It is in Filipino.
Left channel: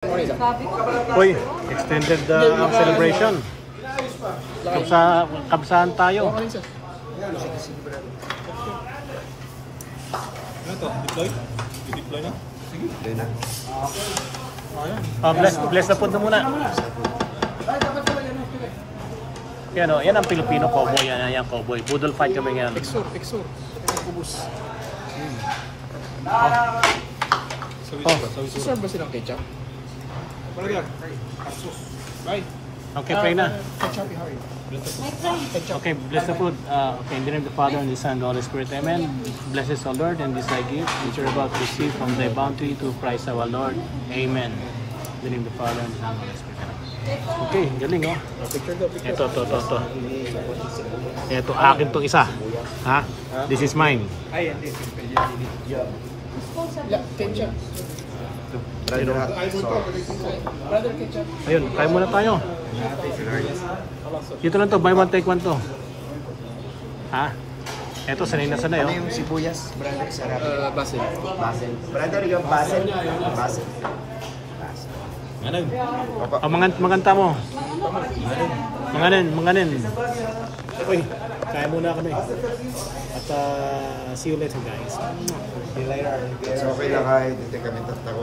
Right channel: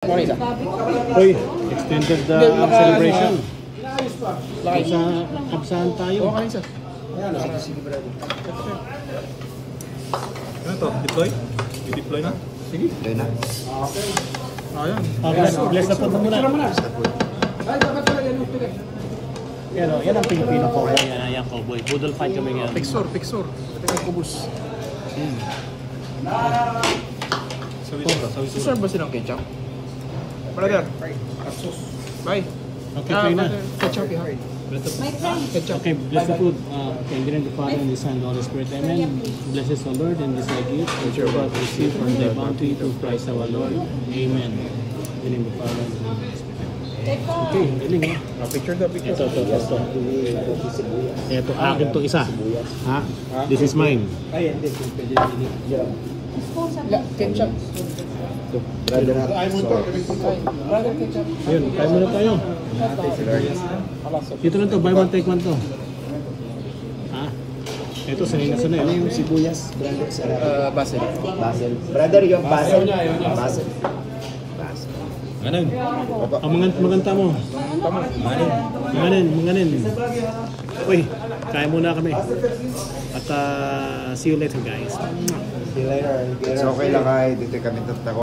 Uy, extended ang celebration. Kabsaan tayo. Sige, brado. Ano to? Deploy? Deploy na? Sige. Deploy na. Bless na po na muna. Yan ang Filipino cowboy. Yan ang cowboy. Poodle fight kami yan. Pixor. Kubus. Sir ba silang ketchup? Brother. Kasus. Bye. Okay, pray na. Ketchup behind. Okay, bless the food. Okay, in the name of the Father, and the Son, and the Holy Spirit. Amen. Bless us, O Lord, and this thy gift, and your God receive from thy bounty through Christ our Lord. Amen. In the name of the Father, and the Son, and the Holy Spirit. Okay, galing oh. Picture. Ito. Ito, akin to isa. Ha? This is mine. Ay, hindi. Ketchup. Ayun, kain muna tayo. Dito lang to, buy one take one to. Ha? Ito, sanay na. Ano yung sibuyas, brother? Basil. Brother, yung basil. Ang manganta mo. Manganin. Uy, kain muna kami. At see you later, guys. It's okay lang kahit hindi kami tatako.